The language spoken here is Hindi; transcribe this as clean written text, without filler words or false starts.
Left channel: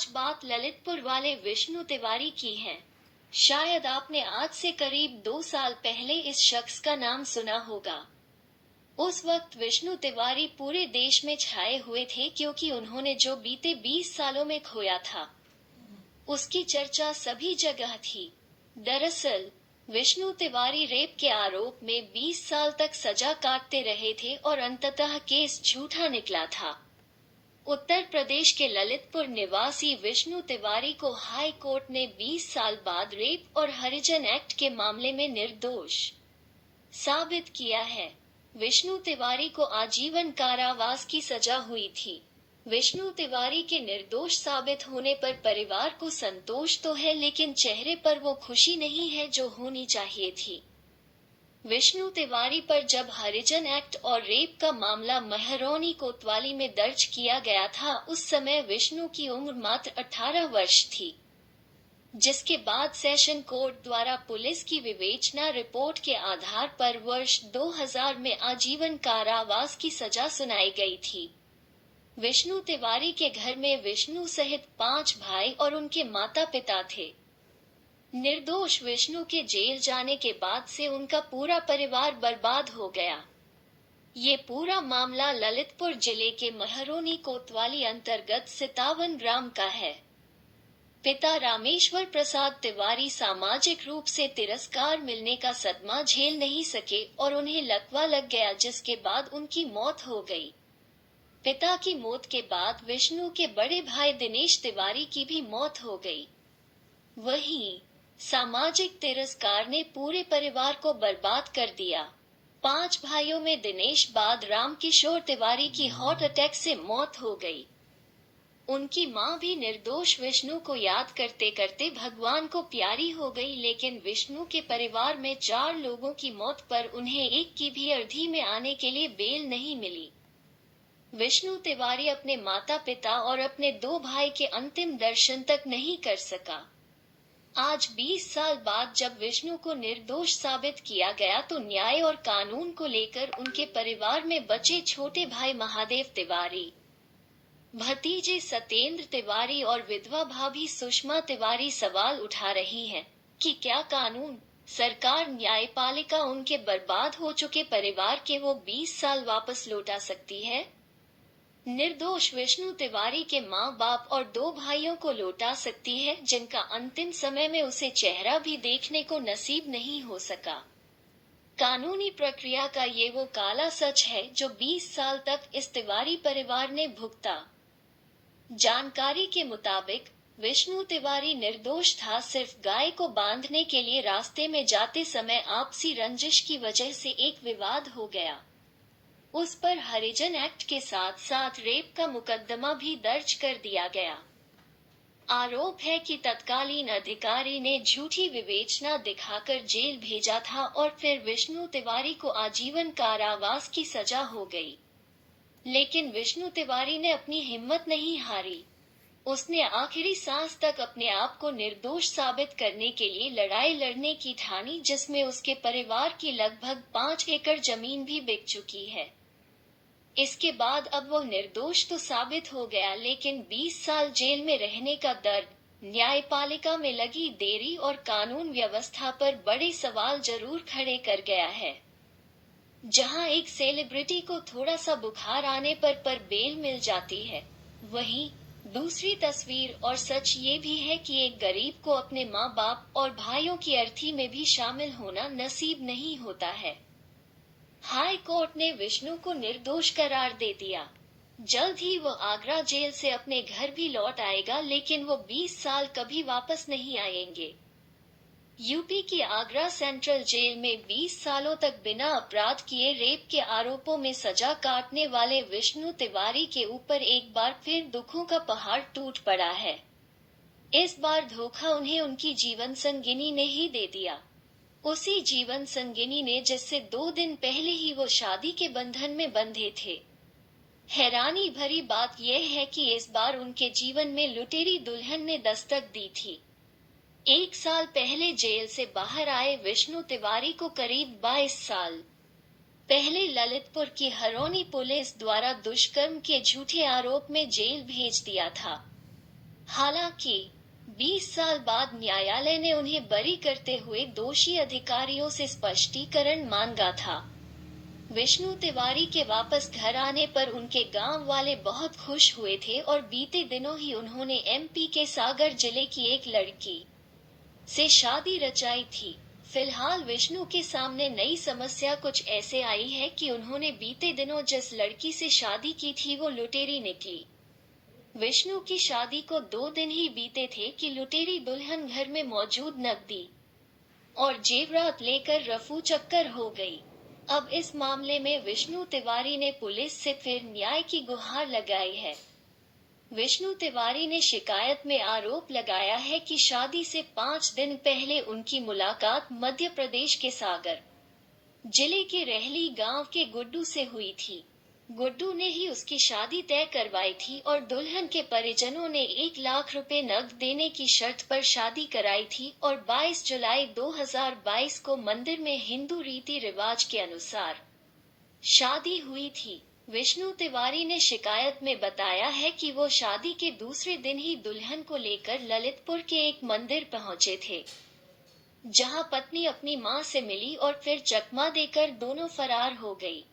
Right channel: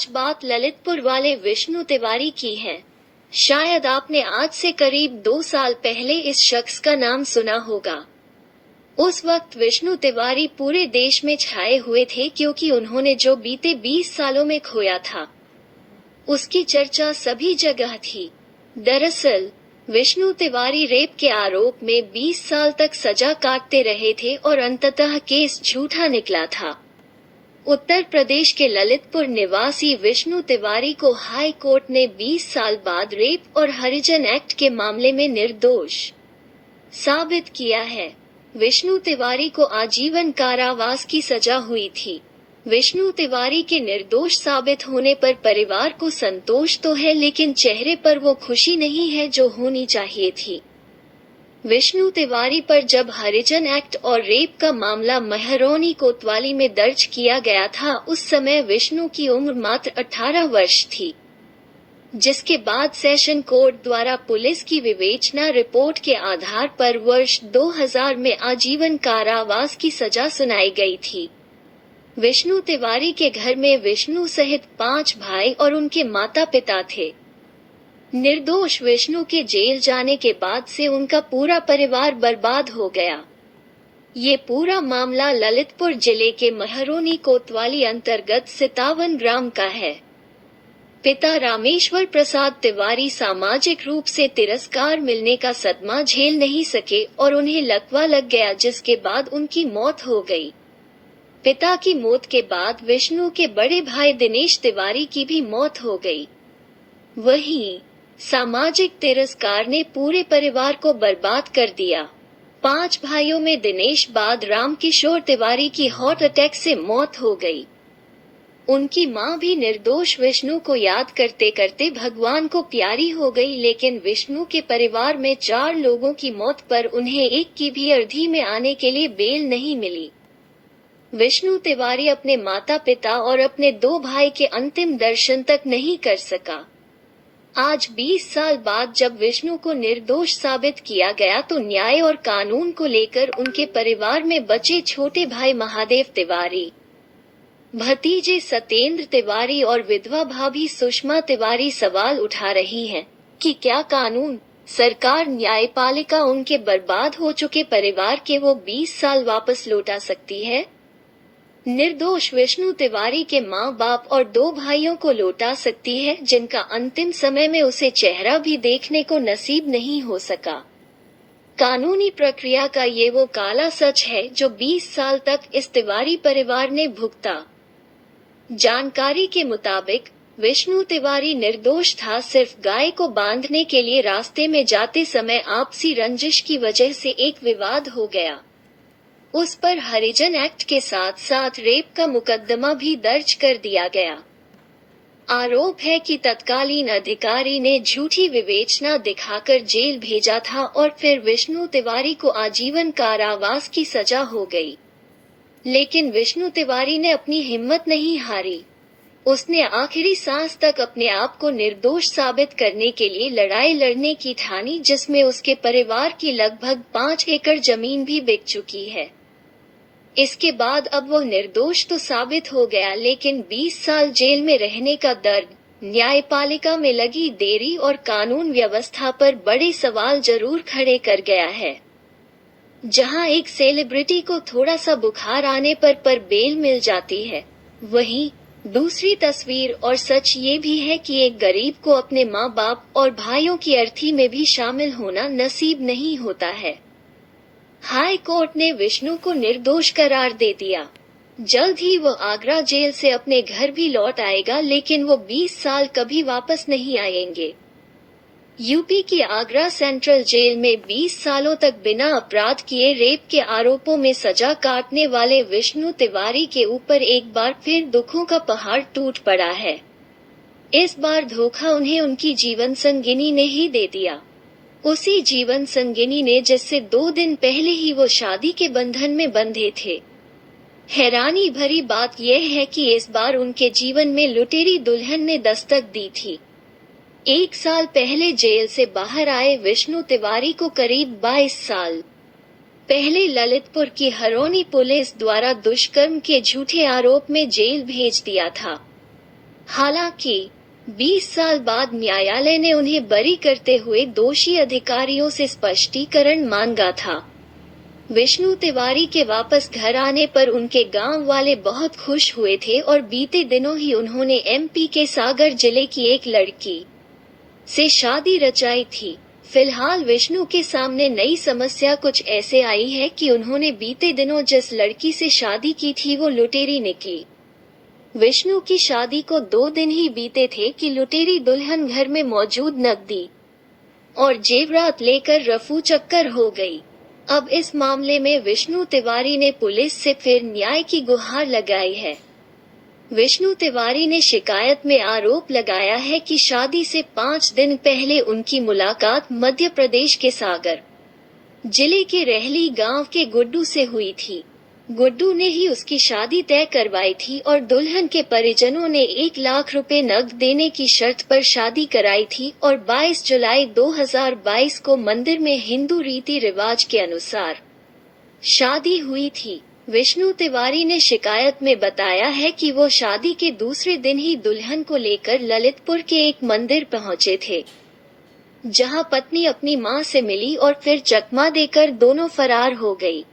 आज बात ललितपुर वाले विष्णु तिवारी की है। शायद आपने आज से करीब 2 साल पहले इस शख्स का नाम सुना होगा। उस वक्त विष्णु तिवारी पूरे देश में छाए हुए थे क्योंकि उन्होंने जो बीते 20 सालों में खोया था, उसकी चर्चा सभी जगह थी। दरअसल विष्णु तिवारी रेप के आरोप में 20 साल तक सजा काटते रहे थे और अंततः केस झूठा निकला था। उत्तर प्रदेश के ललितपुर निवासी विष्णु तिवारी को हाई कोर्ट ने 20 साल बाद रेप और हरिजन एक्ट के मामले में निर्दोष साबित किया है। विष्णु तिवारी को आजीवन कारावास की सजा हुई थी। विष्णु तिवारी के निर्दोष साबित होने पर परिवार को संतोष तो है, लेकिन चेहरे पर वो खुशी नहीं है जो होनी चाहिए थी। विष्णु तिवारी पर जब हरिजन एक्ट और रेप का मामला महरौनी कोतवाली में दर्ज किया गया था, उस समय विष्णु की उम्र मात्र 18 वर्ष थी, जिसके बाद सेशन कोर्ट द्वारा पुलिस की विवेचना रिपोर्ट के आधार पर वर्ष 2000 में आजीवन कारावास की सजा सुनाई गई थी। विष्णु तिवारी के घर में विष्णु सहित 5 भाई और उनके माता पिता थे। निर्दोष विष्णु के जेल जाने के बाद से उनका पूरा परिवार बर्बाद हो गया। ये पूरा मामला ललितपुर जिले के महरौनी कोतवाली अंतर्गत सितावन ग्राम का है। पिता रामेश्वर प्रसाद तिवारी सामाजिक रूप से तिरस्कार मिलने का सदमा झेल नहीं सके और उन्हें लकवा लग गया, जिसके बाद उनकी मौत हो गई। पिता की मौत के बाद विष्णु के बड़े भाई दिनेश तिवारी की भी मौत हो गई। वहीं सामाजिक तिरस्कार ने पूरे परिवार को बर्बाद कर दिया। 5 भाइयों में दिनेश बाद रामकिशोर तिवारी की हार्ट अटैक से मौत हो गई। उनकी मां भी निर्दोष विष्णु को याद करते करते भगवान को प्यारी हो गई, लेकिन विष्णु के परिवार में 4 लोगों की मौत पर उन्हें एक की भी अवधि में आने के लिए बेल नहीं मिली। विष्णु तिवारी अपने माता पिता और अपने 2 भाई के अंतिम दर्शन तक नहीं कर सका। आज 20 साल बाद जब विष्णु को निर्दोष साबित किया गया तो न्याय और कानून को लेकर उनके परिवार में बचे छोटे भाई महादेव तिवारी, भतीजे सत्येंद्र तिवारी और विधवा भाभी सुषमा तिवारी सवाल उठा रही हैं कि क्या कानून, सरकार, न्यायपालिका उनके बर्बाद हो चुके परिवार के वो 20 साल वापस लौटा सकती है? निर्दोष विष्णु तिवारी के माँ बाप और 2 भाइयों को लौटा सकती है, जिनका अंतिम समय में उसे चेहरा भी देखने को नसीब नहीं हो सका। कानूनी प्रक्रिया का ये वो काला सच है जो 20 साल तक इस तिवारी परिवार ने भुगता। जानकारी के मुताबिक विष्णु तिवारी निर्दोष था। सिर्फ गाय को बांधने के लिए रास्ते में जाते समय आपसी रंजिश की वजह से एक विवाद हो गया। उस पर हरिजन एक्ट के साथ साथ रेप का मुकदमा भी दर्ज कर दिया गया। आरोप है कि तत्कालीन अधिकारी ने झूठी विवेचना दिखाकर जेल भेजा था और फिर विष्णु तिवारी को आजीवन कारावास की सजा हो गई। लेकिन विष्णु तिवारी ने अपनी हिम्मत नहीं हारी। उसने आखिरी सांस तक अपने आप को निर्दोष साबित करने के लिए लड़ाई लड़ने की ठानी, जिसमें उसके परिवार की लगभग 5 एकड़ जमीन भी बिक चुकी है। इसके बाद अब वो निर्दोष तो साबित हो गया, लेकिन 20 साल जेल में रहने का दर्द, न्यायपालिका में लगी देरी और कानून व्यवस्था पर बड़े सवाल जरूर खड़े कर गया है। जहां एक सेलिब्रिटी को थोड़ा सा बुखार आने पर बेल मिल जाती है, वहीं दूसरी तस्वीर और सच ये भी है कि एक गरीब को अपने माँ बाप और भाइयों की अर्थी में भी शामिल होना नसीब नहीं होता है। हाई कोर्ट ने विष्णु को निर्दोष करार दे दिया। जल्द ही वो आगरा जेल से अपने घर भी लौट आएगा, लेकिन वो 20 साल कभी वापस नहीं आएंगे। यूपी की आगरा सेंट्रल जेल में 20 सालों तक बिना अपराध किए रेप के आरोपों में सजा काटने वाले विष्णु तिवारी के ऊपर एक बार फिर दुखों का पहाड़ टूट पड़ा है। इस बार धोखा उन्हें उनकी जीवन संगिनी ने ही दे दिया। उसी जीवन संगिनी ने जिससे 2 दिन पहले ही वो शादी के बंधन में बंधे थे। हैरानी भरी बात यह है कि इस बार उनके जीवन में लुटेरी दुल्हन ने दस्तक दी थी। 1 साल पहले जेल से बाहर आए विष्णु तिवारी को करीब 22 साल पहले ललितपुर की हरौनी पुलिस द्वारा दुष्कर्म के झूठे आरोप में जेल भेज दिया था। हालांकि 20 साल बाद न्यायालय ने उन्हें बरी करते हुए दोषी अधिकारियों से स्पष्टीकरण मांगा था। विष्णु तिवारी के वापस घर आने पर उनके गांव वाले बहुत खुश हुए थे और बीते दिनों ही उन्होंने एमपी के सागर जिले की एक लड़की से शादी रचाई थी। फिलहाल विष्णु के सामने नई समस्या कुछ ऐसे आई है कि उन्होंने बीते दिनों जिस लड़की से शादी की थी वो लुटेरी निकली। विष्णु की शादी को 2 दिन ही बीते थे कि लुटेरी दुल्हन घर में मौजूद नकदी और जेवरात लेकर रफू चक्कर हो गई। अब इस मामले में विष्णु तिवारी ने पुलिस से फिर न्याय की गुहार लगाई है। विष्णु तिवारी ने शिकायत में आरोप लगाया है कि शादी से 5 दिन पहले उनकी मुलाकात मध्य प्रदेश के सागर जिले के रहली गांव के गुड्डू से हुई थी। गुड्डू ने ही उसकी शादी तय करवाई थी और दुल्हन के परिजनों ने 1 लाख रुपए नकद देने की शर्त पर शादी कराई थी और 22 जुलाई 2022 को मंदिर में हिंदू रीति रिवाज के अनुसार शादी हुई थी। विष्णु तिवारी ने शिकायत में बताया है कि वो शादी के दूसरे दिन ही दुल्हन को लेकर ललितपुर के एक मंदिर पहुंचे थे, जहां पत्नी अपनी मां से मिली और फिर चकमा देकर दोनों फरार हो गई।